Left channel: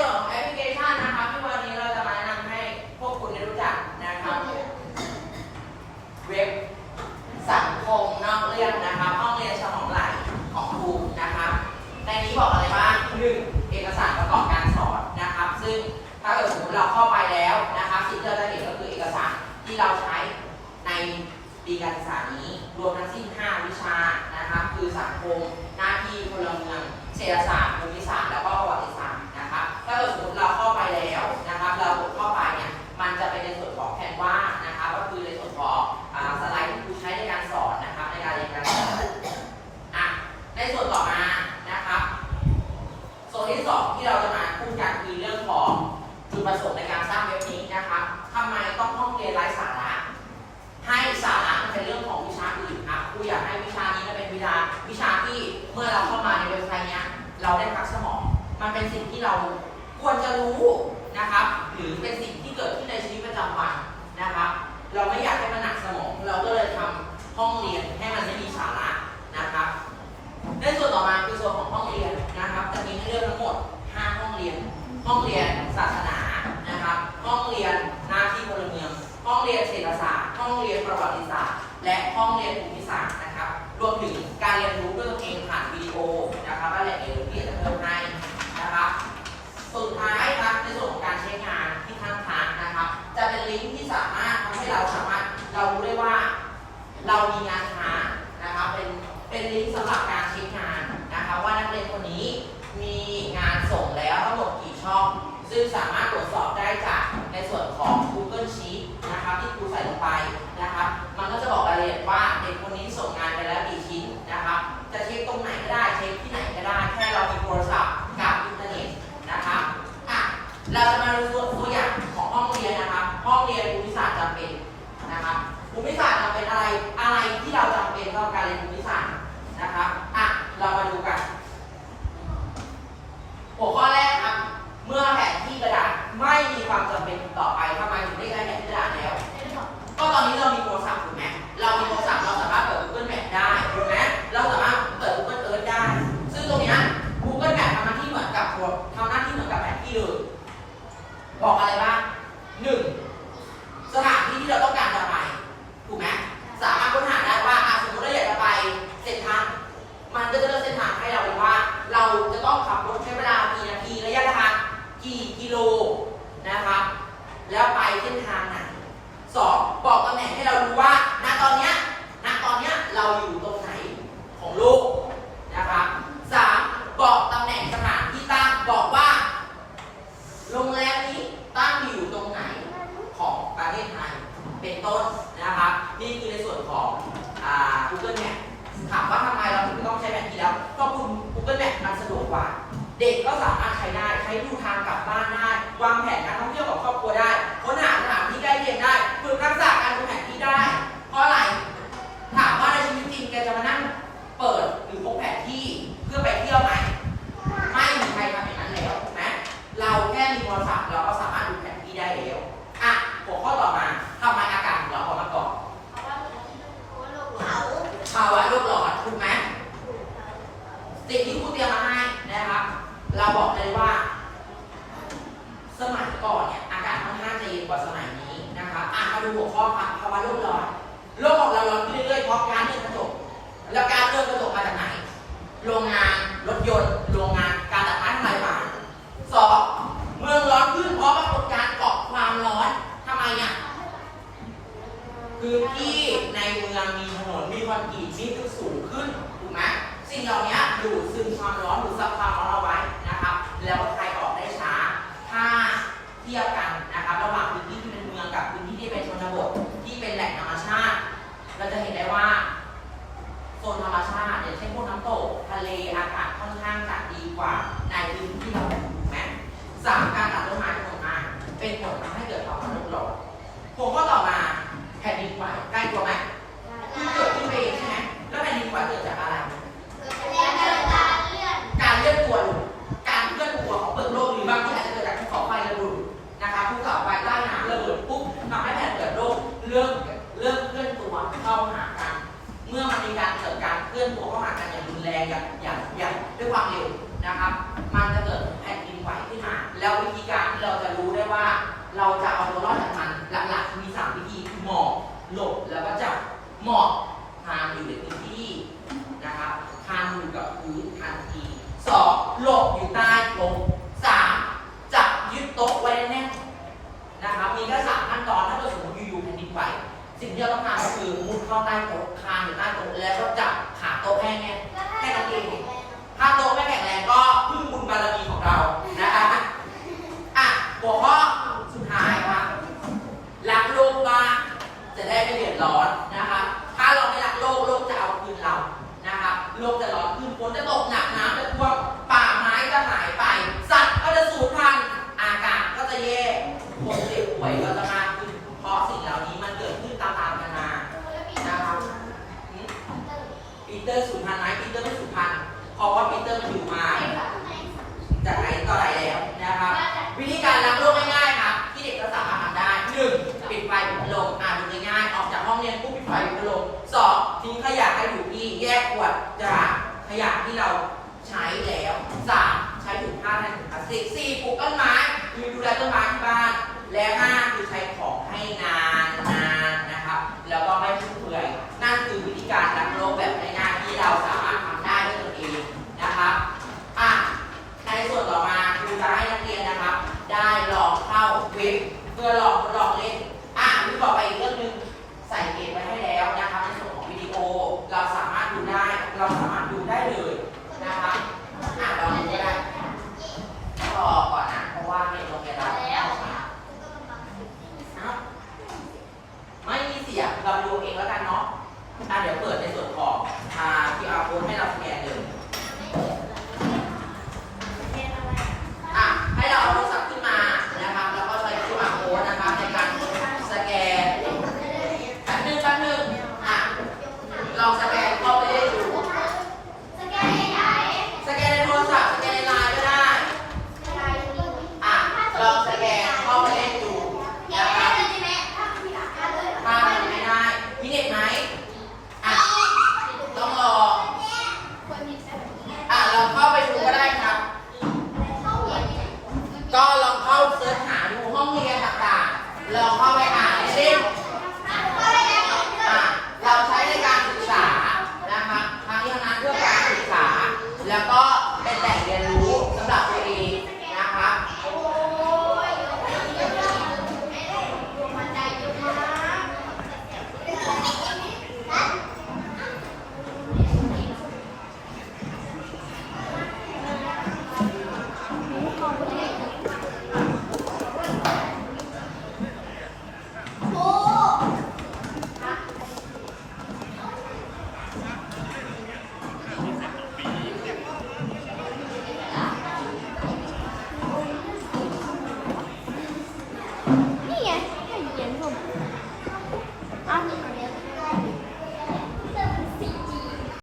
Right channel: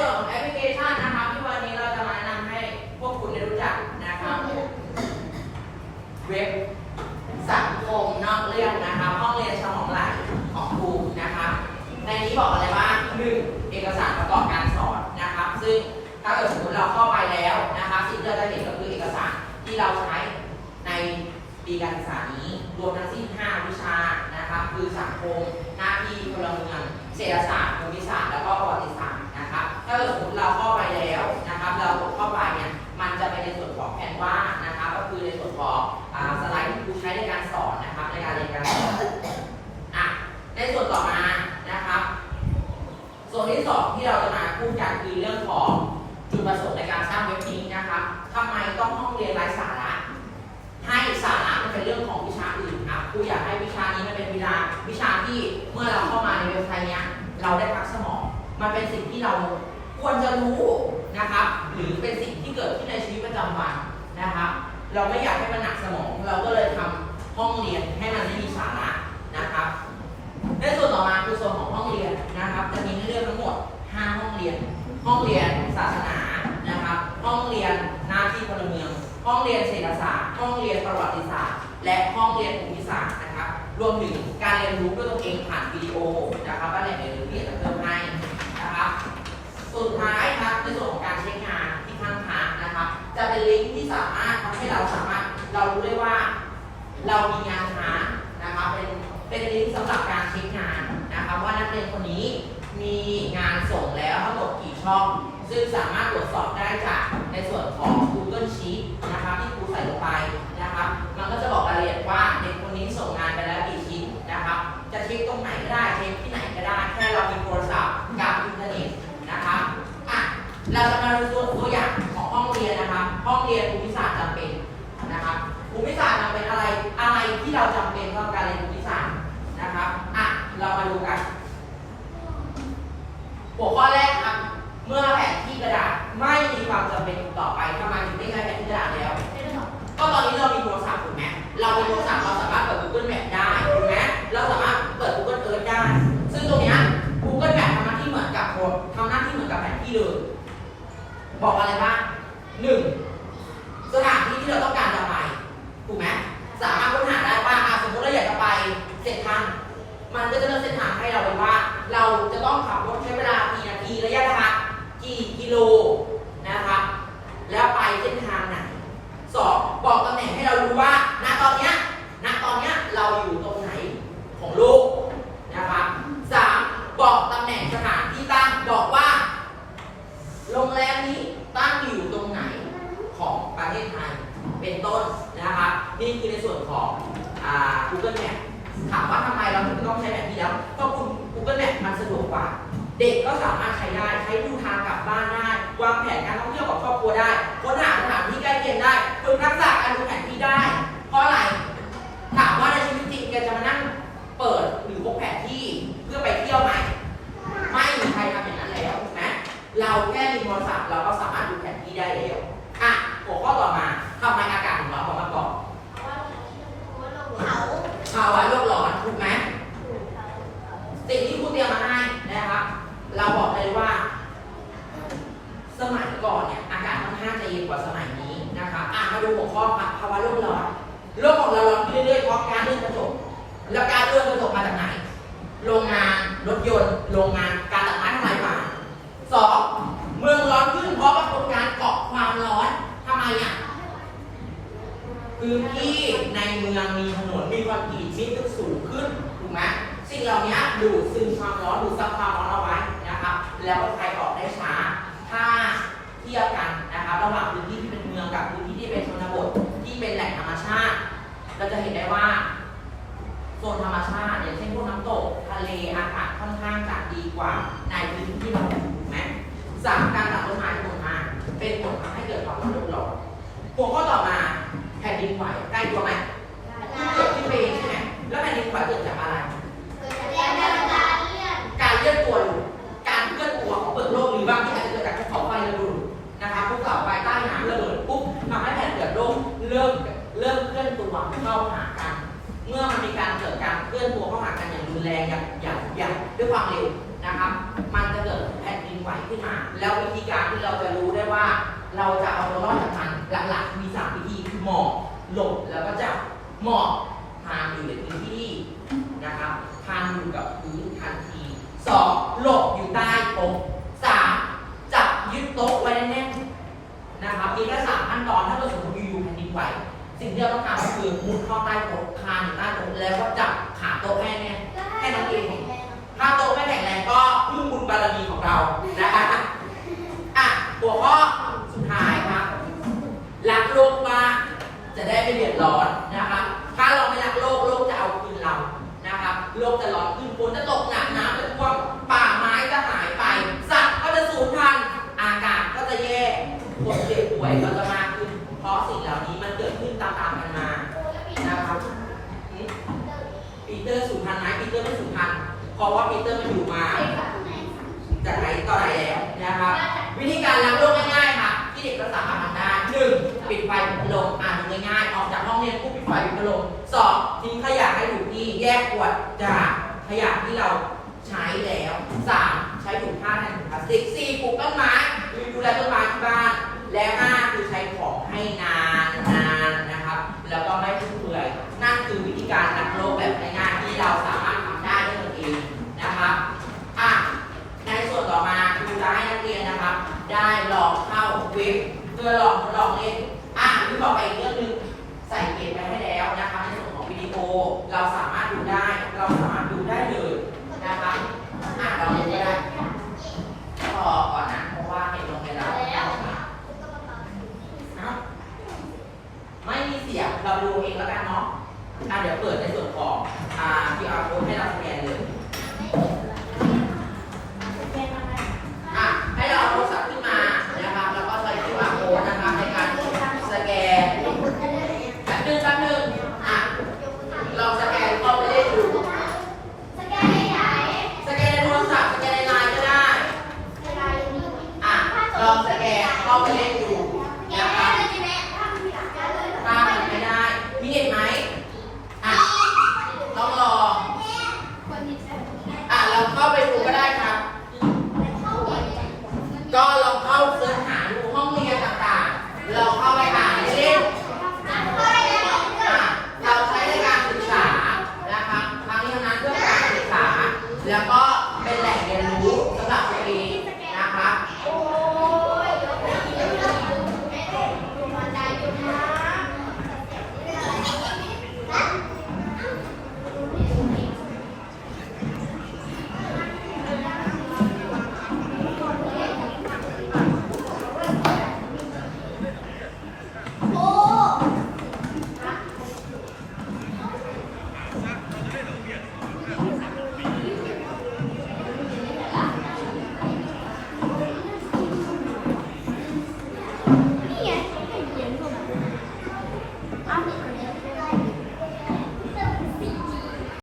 ส่วนของแอปพลิเคชันนะครับที่วันนี้เราจะมาแนะนำให้พวกคุณได้รู้จักนะครับเว็บสังคมนอกเรื่องนะครับห้องเรียนสมองไหลของครูนะครับในนี้บอกอะไรบ้างหนึ่งเอกสารประกอบการสอนนะครับซึ่งถ้าเกิดสมมติเราเข้าไปแล้วนะครับสิ่งที่เราจะเห็นก็คือเอกสารที่เราใช้ในปีการศึกษานี้รวมทั้งสิ้น5วิชานะครับคือสังคมหน้าที่พลเมืองเศรษฐศาสตร์แล้วก็ประวัติศาสตร์นะครับ ถ้า เข้าไปแล้วนะครับ เรากดเข้าไป สิ่งที่เกิดขึ้นในชีวิตประจำวันนะครับเราไม่อยากให้มันหนักสมอง เราก็เลยทำห้องเรียนให้มันไม่มีสาระนะครับในส่วนต่อมาคือส่วนของห้องเรียนนะครับจะมีให้เลือกทั้งหมด 5 ห้องเรียน ห้องเรียนศาสนานะครับ ห้องเรียนหน้าที่พลเมือง ห้องเรียนเศรษฐศาสตร์ ห้องเรียนประวัติศาสตร์ และห้องเรียนภูมิศาสตร์นะครับ รวมถึงการเรียนรู้ด้วยตัวเองผ่านวิดีโอนะครับและแหล่งเรียนรู้ที่จะเพิ่มให้นะครับ สุดท้ายครับในส่วน จะเป็นลิงก์ที่สามารถทำให้เราสามารถเรารู้ได้ว่า เรามีงานค้านะครับเป็นเป็นลิงก์สำหรับการเช็คงานนะครับว่านักเรียนคนนี้มีงานส่งแล้วทั้งหมดกี่ช่อง ซึ่งสามารถตรวจสอบได้จากในส่วนของ Google Sheet นะครับที่ครูใส่ลงไปนะครับมันก็จะบอกรายละเอียดว่าเด็กคนนี้ส่งงานไปแล้วกี่ชิ้นนะครับจะเช็คตรงไหนก็ได้เช็คที่ไหนก็ได้แค่เรามีโทรศัพท์กับอินเทอร์เน็ตนะครับอะเราจะมาดูตัว บอกอะไรบ้างหนึ่งสถานที่ที่เราต้องการจะไป ถูกไหมสามารถค้นหาได้ว่าอะสมมติเราอยากจะไปเส้นทางมันก็จะเลือกเส้นทางให้เราเลยว่า เราจะต้องขับรถใช้เวลากี่นาทีระยะทางกี่กิโลนะครับ แล้วไปเส้นทางไหนสองบอกตำแหน่งให้เรารู้ว่าณตอนเนี้ยณตอนเนี้ยเราอยู่ตรงไหนของโลกนะครับสามบอกตำแหน่งสถานที่ตั้งบอกว่า โรงแรมนี้ตั้งอยู่ตรงไหนของประเทศไทย เป็นต้นนะครับ นี่คือในส่วนของอ่า Google Map ถามว่าทำไมเราถึงต้องใช้แบบนี้แล้ว ก็คุณ Google Map มันสะดวกกว่า เด็กก็สามารถใช้ได้ ใช้ดูทางกลับบ้านได้ วางแผนการท่องเที่ยวกับครอบครัวได้ค้นหาสถานที่ใกล้เคียงได้ฝึกทักษะการดูแผนที่ได้ เพราะอะไร ถามว่าในชีวิตจริงแกจะมานั่งเปิดหรือพกแผนที่เพื่อไปเที่ยวไหม ไม่มีใครทำอย่างนั้นแล้วถูกไหมเราแค่มีโทรศัพท์เราก็สามารถดูแผนที่ได้แล้วอะหัวข้อต่อมาทำไมอากาศของเราพอมาก่อนภาวะโลกร้อนถูกไหมสิ่งที่ครูเตรียมมาให้นะครับ เราบอกเลยว่า สมัยก่อนเนี่ยอากาศค่อนข้างจะเย็นกว่าสมัยนี้นะครับอะมาดูหัวข้อครับภาวะโลกร้อนโลกของเราร้อนขึ้นเรื่อยๆเพราะการเลื่อนกระจกแล้วการเลื่อนกระจกมาจากไหน โรงงานรถยนต์โรงงานการตัดไม้ทำลายป่าสองเมืองร้อนขึ้นเพราะปรากฏการณ์เกาะความร้อนทำไมอะพื้นที่ในเมืองมีถนนมีคอนกรีตที่สูงขึ้นถูกไหมสิ่งเหล่านี้ดูดซึมความร้อนดูดซับความ กว่าในพื้นที่ที่เราอยู่ถูกไหมสามการตัดต้นไม้ลงมาเป็นผลทำให้เกิดภาวะโลกร้อนหัวข้อต่อมาแผ่นดินไหวใกล้ตัวไหมเกิด แล้ววิธีการที่เราจะรู้ได้ว่า เราจะเอาตัวรอดจากมันหลักๆมีสามวิธีคือหมอบหลบแล้วก็จับหมอบทานอยู่ในพื้นที่นะครับทานอยู่กับพื้นทันทีสองหลบอยู่ใต้โต๊ะสามจับยึดโต๊ะไว้แน่นๆนะครับมีแค่สามขั้นตอนถ้าเกิดสมมติอยู่ๆแผ่นดินไหวสิ่งที่เราต้องการก็คือมุดเข้าใต้โต๊ะคานอยู่ใต้โต๊ะแล้วก็จับขาโต๊ะให้แน่นแค่นั้นเองถ้าโต๊ะไม่แข็งแรงก็พึ่งบุญบารมีของเรา นะคะอะหัวข้อสุดท้ายครับรักโลกมากจะได้ไม่เดือดร้อนนะครับ ถ้าเราไม่รักโลก โลกจะเอาคืนเรา นะครับ โลกจะร้อนขึ้นฝนจะตกหนักน้ำจะท่วมป่าไม้จะหายไป สัตว์ก็จะสูญพันธุ์อากาศก็จะแย่ คนเจ็บป่วยก็จะมากขึ้นเพราะสิ่งเหล่านี้มันเกิดขึ้นตามๆกันมานะครับปีเตอร์สูญพันธุ์ไหมปีเตอร์ไม่สูญพันธุ์เพราะว่าปีเตอร์มันอยู่มาจากไหนต่อไหนแล้วนะครับ วิธีการรับโรคง่ายๆค่ะที่เด็กก็สามารถทำได้หนึ่งปิดไฟปิดพัดลมอ่านดูง่ายๆออกจากห้องเรียนปุ๊บปิดไฟปิดพัดลมสองทิ้งขยะให้ถูกที่แยกขวดจากขยะที่เราใช้แล้วสามใช้ถุงผ้าแทนถุงพลาสติกสี่ปลูกต้นไม้ดูแลต้นไม้ที่บ้าน แล้วห้าคือใช้ของให้นานนานๆนะครับ แล้วก็ไม่ฟุ่มเฟือยนั่นคือวิธีการรักโลกแบบง่ายๆที่เราสามารถทำได้ด้วยตนเองนะครับอะในส่วนต่อมาคือจะให้นักเรียนนะครับ ได้ลองเข้าเว็บเพื่อลองทดลองเล่นอะที่บอกไปอีกเรื่องหนึงใส่เกมไว้ให้แล้วนะครับในส่วนของวิดีโอเราสามารถดูได้ เราสามารถดูได้เลยนะครับอะลองดูก็ได้ก็ก่อนนะเพราะว่าไม่ลงไปแล้ว ครับไม่มี เราดูเองแล้วกันเนาะอะเดี๋ยวเปิดในส่วนของอ่า QR code ให้เราสแกนเลย